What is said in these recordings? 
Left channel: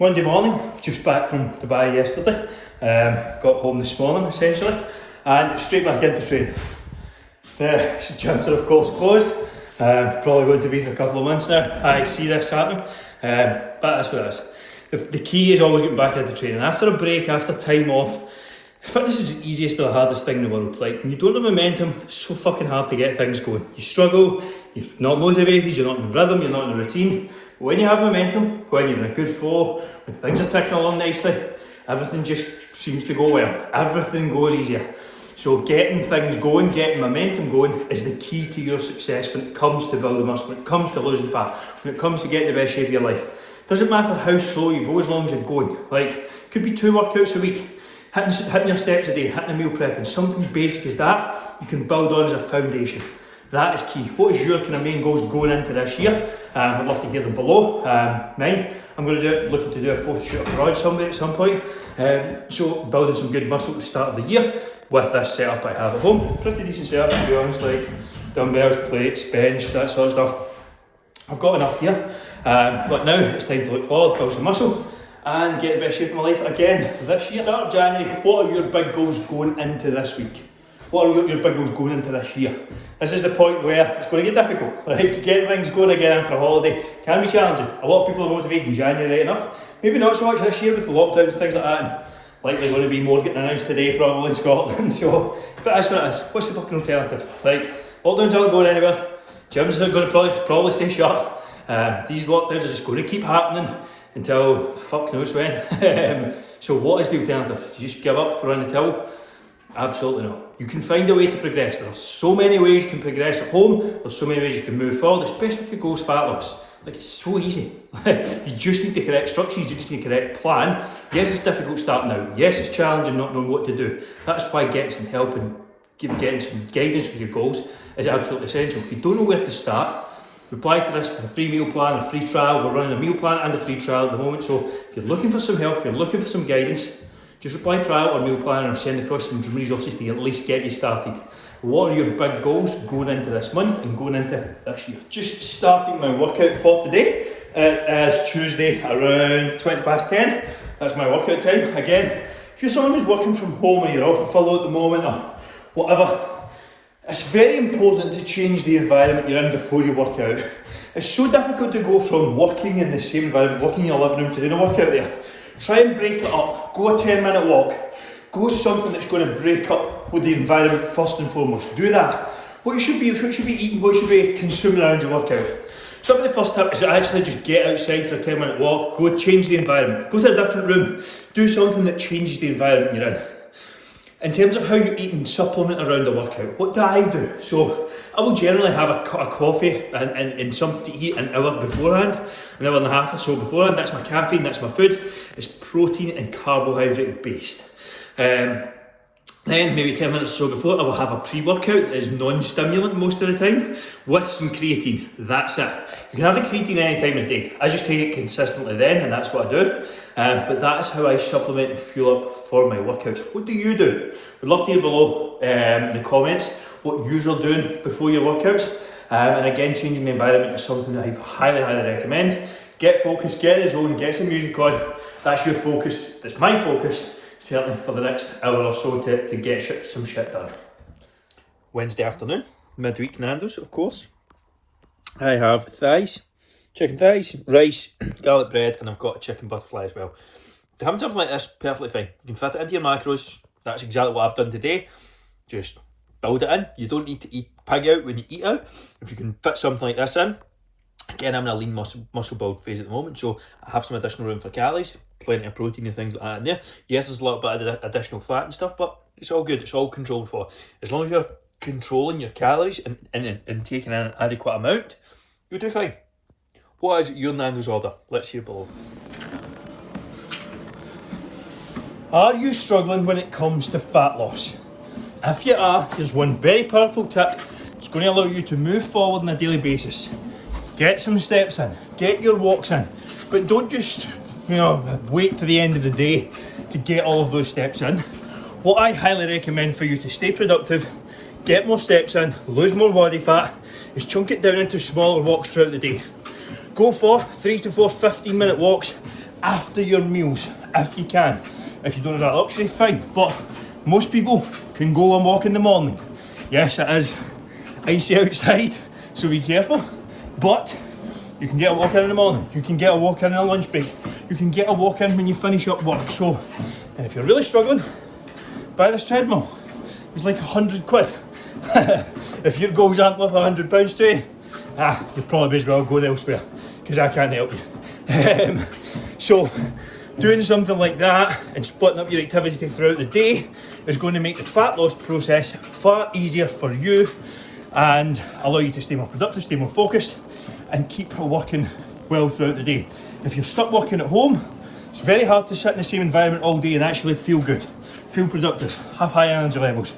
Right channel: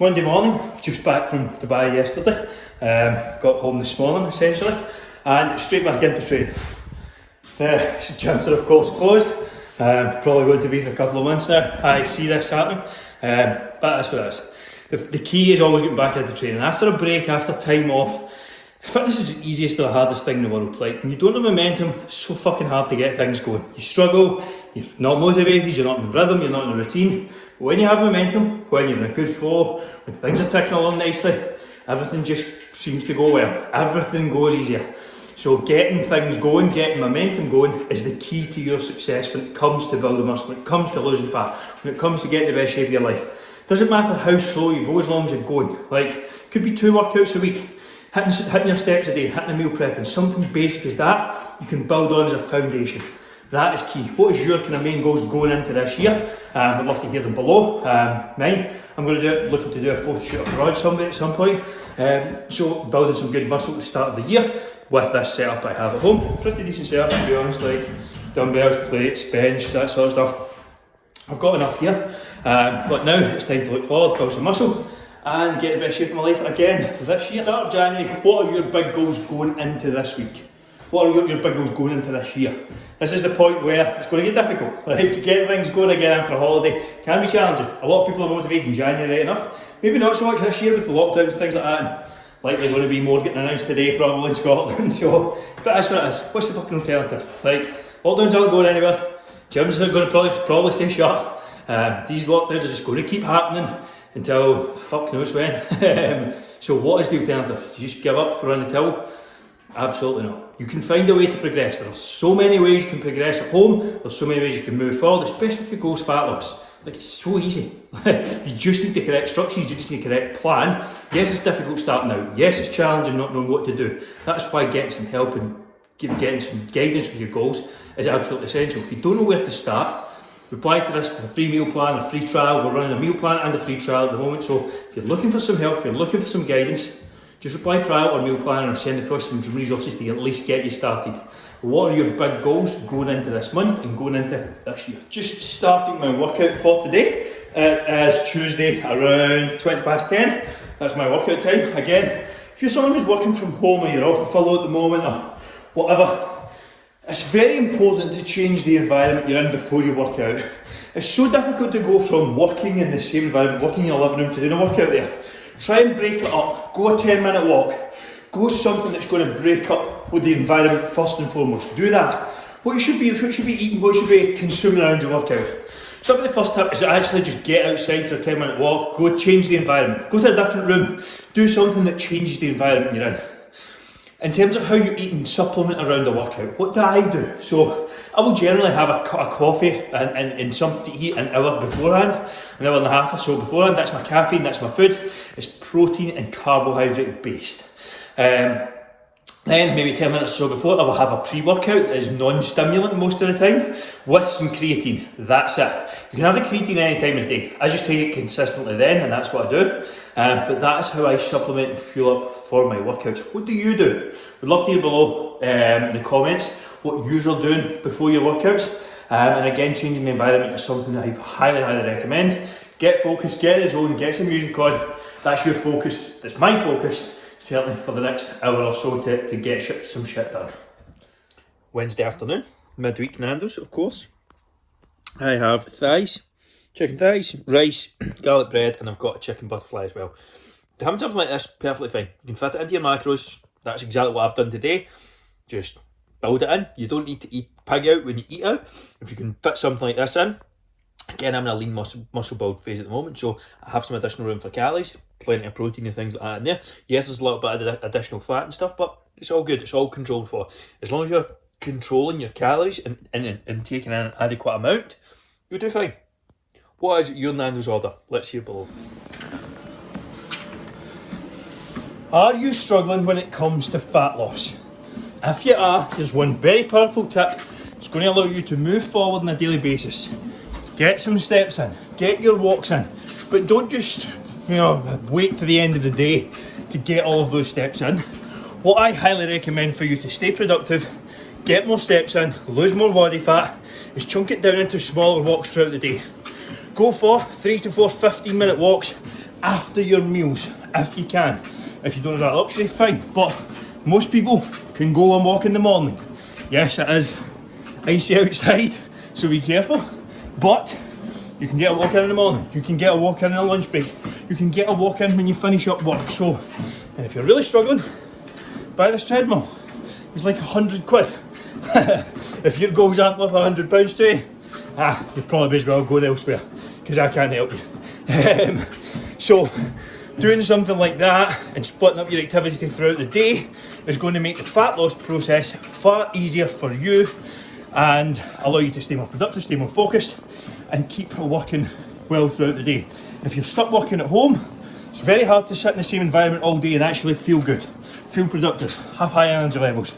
Monday morning, just back from Dubai yesterday. Got home this morning essentially, and straight back into training. Gyms are of course closed. Probably going to be for a couple of months now. I see this happening, but that's what it is. The key is always getting back into training. After a break, after time off, fitness is the easiest or the hardest thing in the world. Like, when you don't have momentum, it's so fucking hard to get things going. You struggle, you're not motivated, you're not in rhythm, you're not in a routine. But when you have momentum, when you're in a good flow, when things are ticking along nicely, everything just seems to go well. Everything goes easier. So getting things going, getting momentum going is the key to your success when it comes to building muscle, when it comes to losing fat, when it comes to getting the best shape of your life. Doesn't matter how slow you go as long as you're going. Like, could be 2 workouts a week. Hitting your steps a day, hitting a meal prep, and something basic as that, you can build on as a foundation. That is key. What is your kind of main goals going into this year? I'd love to hear them below. Mine, I'm going to looking to do a photo shoot abroad somewhere at some point. So building some good muscle at the start of the year with this setup I have at home. Pretty decent setup to be honest, like dumbbells, plates, bench, that sort of stuff. I've got enough here, but now it's time to look forward, build some muscle, and get the best shape of my life again this year. Start of January, what are your big goals going into this week? What are your big goals going into this year? This is the point where it's going to get difficult. Like, getting things going again after a holiday can be challenging. A lot of people are motivated in January, right enough. Maybe not so much this year with the lockdowns and things like that. And likely going to be more getting announced today, probably in Scotland. So, but that's what it is. What's the fucking alternative? Like, lockdowns aren't going anywhere. Gyms are going to probably stay shut. These lockdowns are just going to keep happening until fuck knows when. So what is the alternative? You just give up, throw in the towel? Absolutely not. You can find a way to progress. There are so many ways you can progress at home. There's so many ways you can move forward, especially if your goal's fat loss. Like, it's so easy. You just need the correct structure, you just need the correct plan. Yes, it's difficult starting out. Yes, it's challenging not knowing what to do. That's why getting some help and getting some guidance with your goals is absolutely essential. If you don't know where to start, reply to this, a free meal plan, a free trial. We're running a meal plan and a free trial at the moment. So if you're looking for some help, if you're looking for some guidance, just reply trial or meal plan, or send across some resources to at least get you started. What are your big goals going into this month and going into this year? Just starting my workout for today. It is Tuesday around 10:20. That's my workout time. Again, if you're someone who's working from home or you're off furlough at the moment or whatever, it's very important to change the environment you're in before you work out. It's so difficult to go from working in the same environment, working in your living room, to doing a workout there. Try and break it up. Go a 10-minute walk. Go something that's going to break up with the environment first and foremost. Do that. What you should be eating, what you should be consuming around your workout. Some of the first tip is to actually just get outside for a 10-minute walk. Go change the environment. Go to a different room. Do something that changes the environment you're in. In terms of how you eat and supplement around a workout, what do I do? So I will generally have a coffee and something to eat an hour beforehand, an hour and a half or so beforehand. That's my caffeine, that's my food. It's protein and carbohydrate based. Then maybe 10 minutes or so before, I will have a pre-workout that is non-stimulant most of the time with some creatine. That's it. You can have a creatine any time of the day. I just take it consistently then, and that's what I do. But that is how I supplement and fuel up for my workouts. What do you do? We'd love to hear below in the comments what you're doing before your workouts. And again, changing the environment is something that I highly, highly recommend. Get focused, get in the zone, get some music on. That's your focus. That's my focus. Certainly for the next hour or so to get some shit done. Wednesday afternoon, midweek Nando's, of course. I have thighs, chicken thighs, rice, garlic bread, and I've got a chicken butterfly as well. Having something like this, perfectly fine. You can fit it into your macros. That's exactly what I've done today. Just build it in. You don't need to eat pig out when you eat out. If you can fit something like this in. Again, I'm in a lean muscle build phase at the moment, so I have some additional room for calories, plenty of protein and things like that in there. Yes, there's a little bit of additional fat and stuff, but it's all good, it's all controlled for. As long as you're controlling your calories and taking an adequate amount, you'll do fine. What is your Nando's order? Let's hear below. Are you struggling when it comes to fat loss? If you are, here's one very powerful tip. It's going to allow you to move forward on a daily basis. Get some steps in, get your walks in, but don't just wait to the end of the day to get all of those steps in. What I highly recommend for you to stay productive, get more steps in, lose more body fat, is chunk it down into smaller walks throughout the day. Go for 3 to 4 15-minute walks after your meals, if you can. If you don't have that luxury, fine. But most people can go and walk in the morning. Yes, it is icy outside, so be careful. But you can get a walk in the morning. You can get a walk in a lunch break. You can get a walk in when you finish up work. So, and if you're really struggling, buy this treadmill. It's like £100. If your goals aren't worth £100 today, you'll probably as well going elsewhere, because I can't help you. So, doing something like that and splitting up your activity throughout the day is going to make the fat loss process far easier for you and allow you to stay more productive, stay more focused, and keep working well throughout the day. If you're stuck working at home, it's very hard to sit in the same environment all day and actually feel good, feel productive, have high energy levels.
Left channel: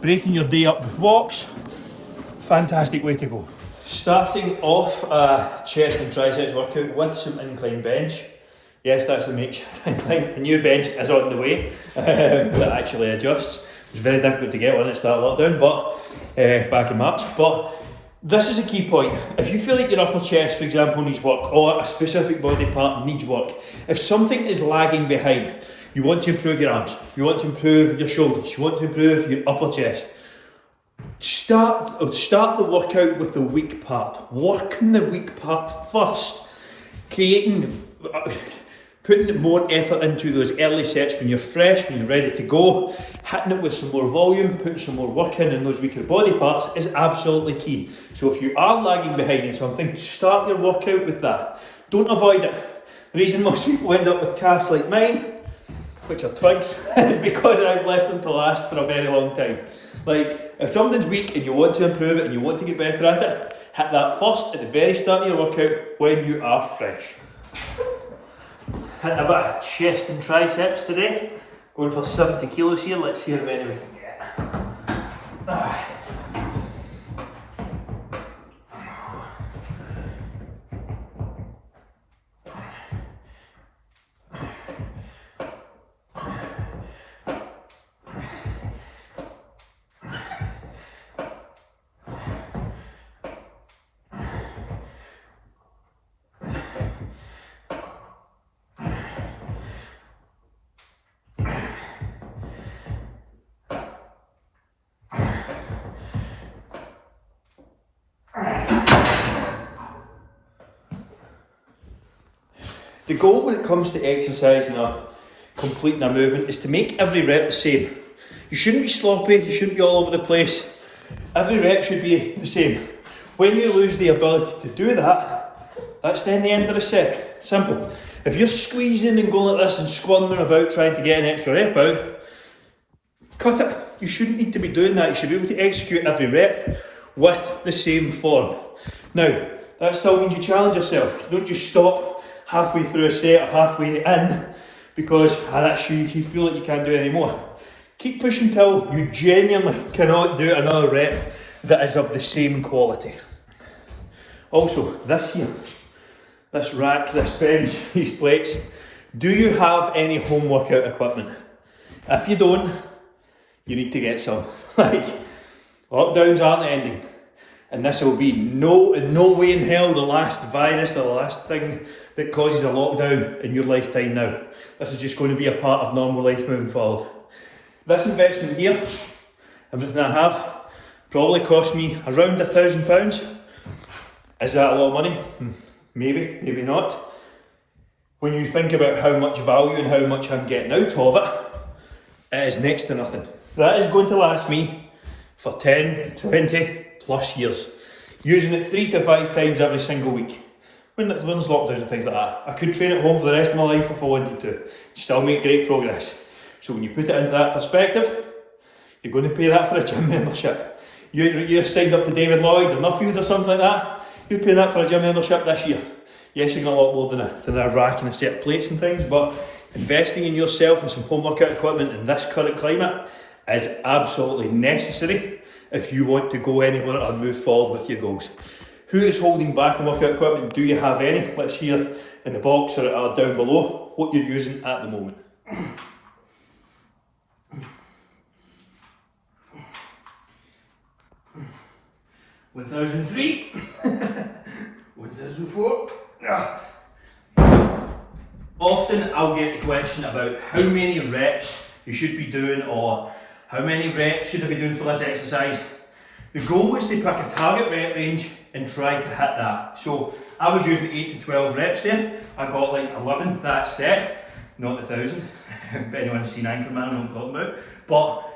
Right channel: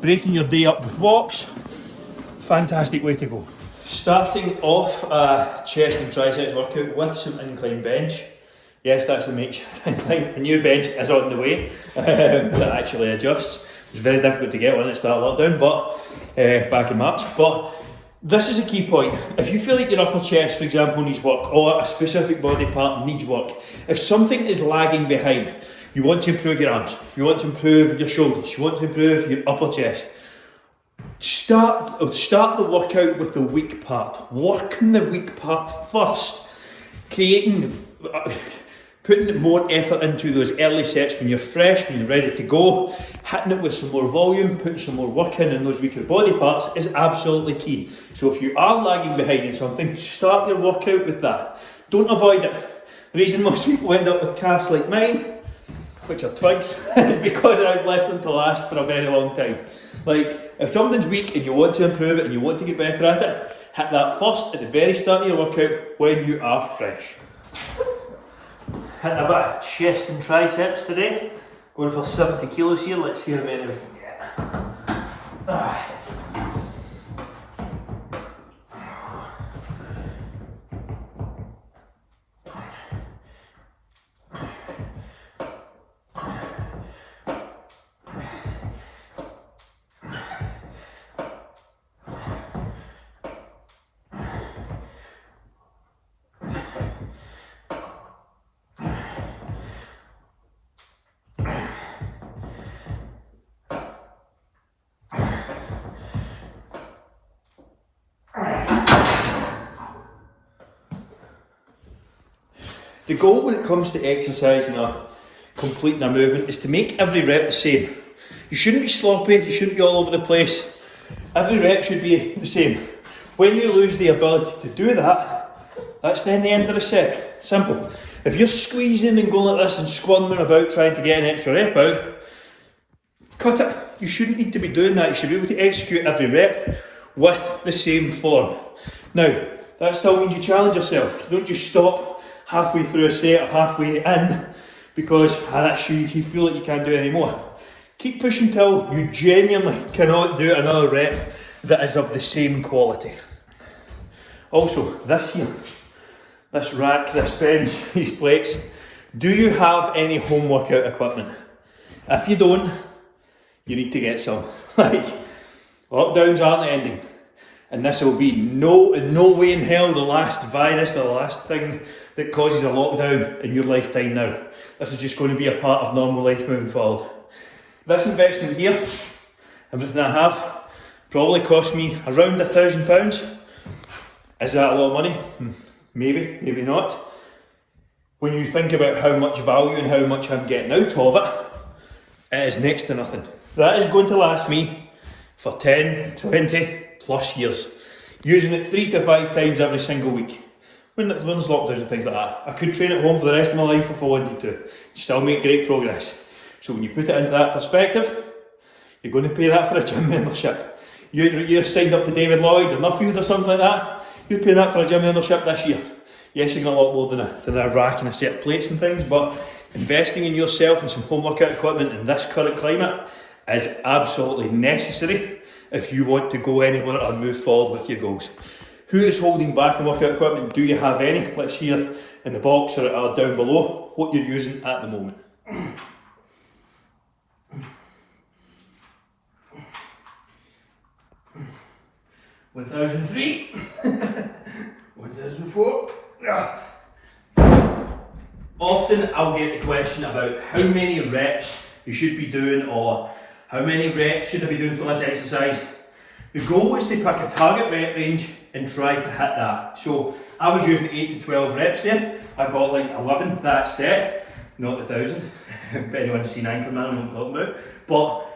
Breaking your day up with walks, fantastic way to go. Starting off a chest and triceps workout with some incline bench. Yes, that's the makeshift incline. A new bench is on the way that actually adjusts. It's very difficult to get one at start lockdown, but back in March. But this is a key point. If you feel like your upper chest, for example, needs work, or a specific body part needs work, if something is lagging behind, you want to improve your arms, you want to improve your shoulders, you want to improve your upper chest, start the workout with the weak part. Working the weak part first, putting more effort into those early sets when you're fresh, when you're ready to go, hitting it with some more volume, putting some more work in those weaker body parts is absolutely key. So if you are lagging behind in something, start your workout with that. Don't avoid it. The reason most people end up with calves like mine, which are twigs, is because I've left them to last for a very long time. Like, if something's weak and you want to improve it and you want to get better at it, hit that first at the very start of your workout when you are fresh. Hitting a bit of chest and triceps today. Going for 70 kilos here, let's see how many we can get. The goal when it comes to exercising or completing a movement is to make every rep the same. You shouldn't be sloppy, you shouldn't be all over the place. Every rep should be the same. When you lose the ability to do that, that's then the end of the set. Simple. If you're squeezing and going like this and squirming about trying to get an extra rep out, cut it. You shouldn't need to be doing that. You should be able to execute every rep with the same form. Now, that still means you challenge yourself. You don't just stop halfway through a set or halfway in because you feel like you can't do it anymore. Keep pushing till you genuinely cannot do another rep that is of the same quality. Also, this here, this rack, this bench, these plates, do you have any home workout equipment? If you don't, you need to get some. Like, lockdowns aren't the ending. And this will be in no way in hell the last virus, the last thing that causes a lockdown in your lifetime now. This is just going to be a part of normal life moving forward. This investment here, everything I have, probably cost me around £1,000. Is that a lot of money? Maybe, maybe not. When you think about how much value and how much I'm getting out of it, it is next to nothing. That is going to last me for 10, 20 plus years. Using it 3 to 5 times every single week. When there's lockdowns and things like that. I could train at home for the rest of my life if I wanted to. Still make great progress. So when you put it into that perspective, you're going to pay that for a gym membership. You're signed up to David Lloyd or Nuffield or something like that. You're paying that for a gym membership this year. Yes, you're going to a lot more than a rack and a set of plates and things, but investing in yourself and some home workout equipment in this current climate is absolutely necessary if you want to go anywhere or move forward with your goals. Who is holding back on workout equipment? Do you have any? Let's hear in the box or down below what you're using at the moment. 1003, 1004, Often I'll get the question about how many reps you should be doing, or how many reps should I be doing for this exercise. The goal is to pick a target rep range and try to hit that. So I was using 8 to 12 reps there. I got like 11 that set, not 1,000. But anyone has seen Anchorman, I know what I'm talking about. But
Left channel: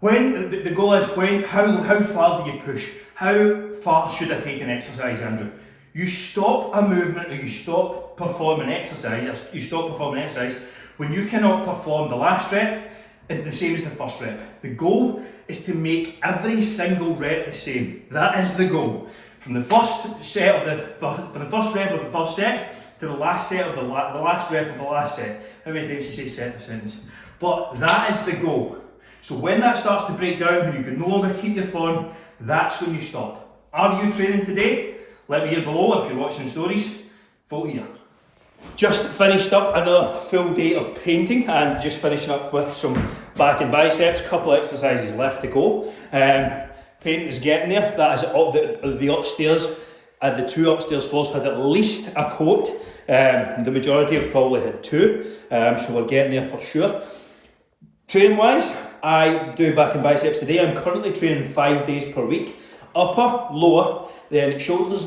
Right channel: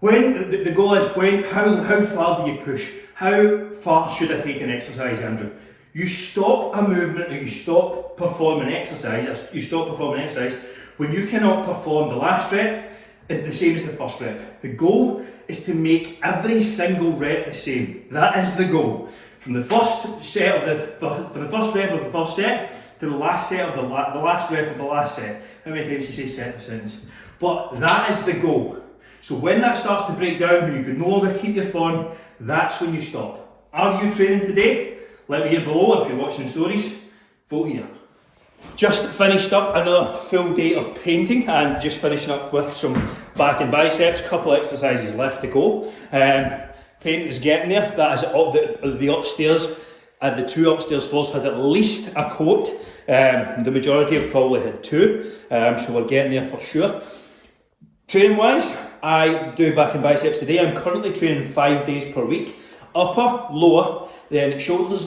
when the goal is how far do you push? How far should I take an exercise, Andrew? You stop a movement, or you stop performing exercise. You stop performing exercise when you cannot perform the last rep is the same as the first rep. The goal is to make every single rep the same. That is the goal. From the first set of the first rep of the first set to the last set of the last rep of the last set. How many times can you say set in a sentence? But that is the goal. So when that starts to break down, when you can no longer keep your form, that's when you stop. Are you training today? Let me hear below. If you're watching the stories, vote here. Just finished up another full day of painting, and just finishing up with some back and biceps. Couple exercises left to go. Painting is getting there. That is the upstairs. The two upstairs floors had at least a coat. The majority have probably had two. So we're getting there for sure. Training wise, I do back and biceps today. I'm currently training 5 days per week. Upper, lower, then shoulders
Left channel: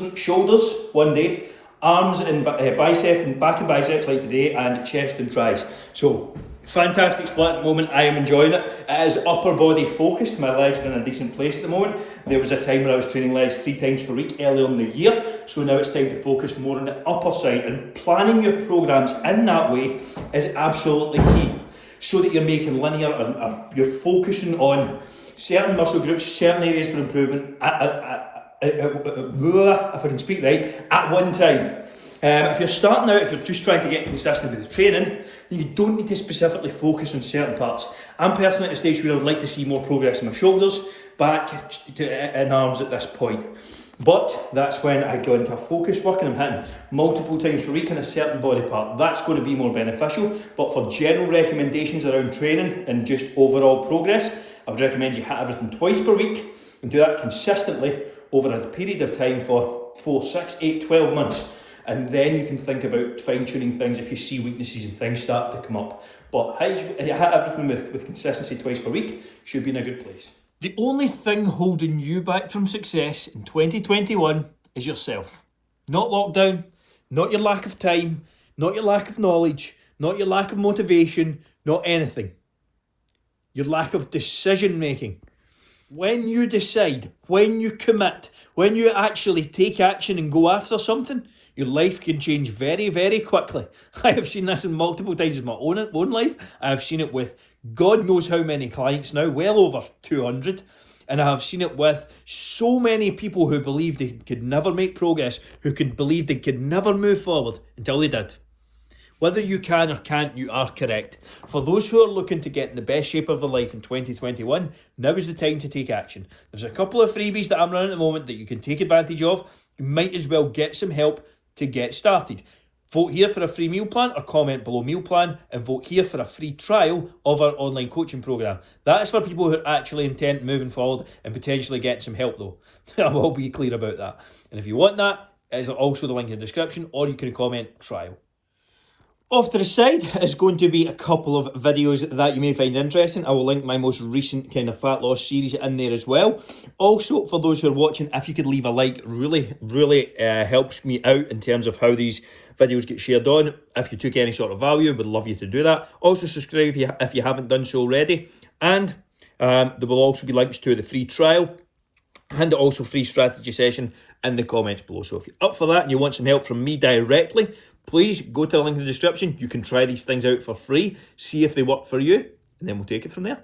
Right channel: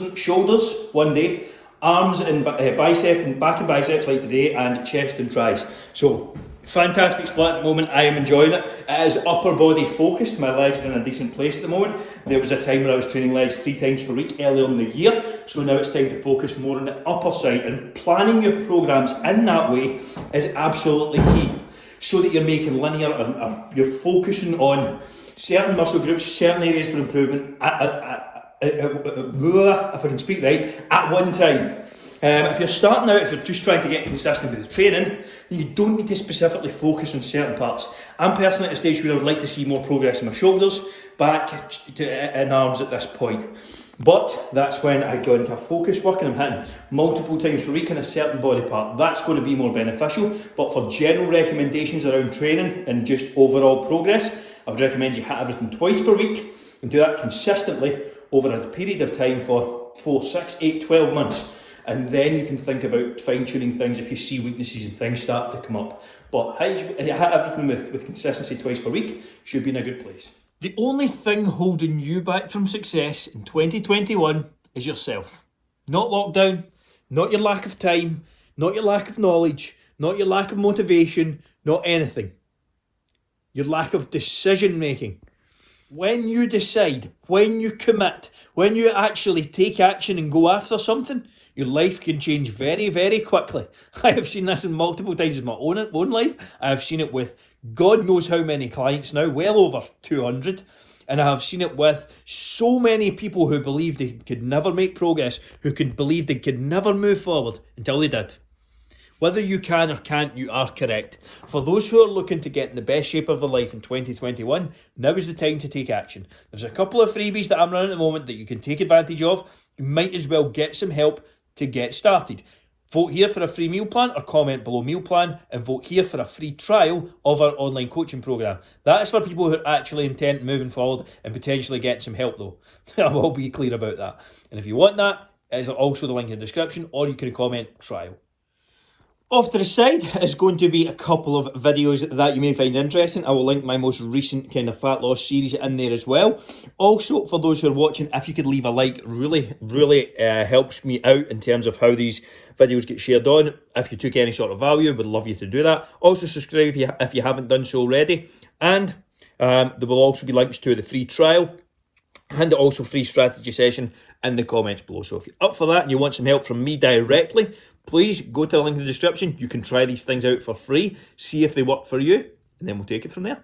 1 day. Arms and bicep and back and biceps like today, and chest and tris. So fantastic split at the moment. I am enjoying it. It is upper body focused. My legs are in a decent place at the moment. There was a time when I was training legs 3 times per week earlier in the year, so now it's time to focus more on the upper side, and planning your programs in that way is absolutely key, so that you're making linear and you're focusing on certain muscle groups, certain areas for improvement if I can speak right, at one time. If you're starting out, if you're just trying to get consistent with the training, then you don't need to specifically focus on certain parts. I'm personally at a stage where I would like to see more progress in my shoulders, back and arms at this point. But that's when I go into a focus work and I'm hitting multiple times per week in a certain body part. That's going to be more beneficial. But for general recommendations around training and just overall progress, I would recommend you hit everything twice per week and do that consistently over a period of time for 4, 6, 8, 12 months. And then you can think about fine-tuning things if you see weaknesses and things start to come up. But hit everything with consistency twice per week, should be in a good place. The only thing holding you back from success in 2021 is yourself. Not lockdown, not your lack of time, not your lack of knowledge, not your lack of motivation, not anything. Your lack of decision making. When you decide, when you commit, when you actually take action and go after something, your life can change very, very quickly. I have seen this in multiple times in my own life. I have seen it with God knows how many clients now, well over 200. And I have seen it with so many people who believed they could never make progress, who could believe they could never move forward until they did. Whether you can or can't, you are correct. For those who are looking to get in the best shape of their life in 2021, now is the time to take action. There's a couple of freebies that I'm running at the moment that you can take advantage of. You might as well get some help to get started. Vote here for a free meal plan, or comment below meal plan, and vote here for a free trial of our online coaching program. That is for people who are actually intent moving forward and potentially getting some help though. I will be clear about that. And if you want that, it is also the link in the description, or you can comment trial. Off to the side is going to be a couple of videos that you may find interesting. I will link my most recent kind of fat loss series in there as well. Also, for those who are watching, if you could leave a like, really helps me out in terms of how these videos get shared on. If you took any sort of value, would love you to do that. Also, subscribe if you haven't done so already. And there will also be links to the free trial and also free strategy session in the comments below. So if you're up for that and you want some help from me directly, please go to the link in the description. You can try these things out for free, see if they work for you, and then we'll take it from there.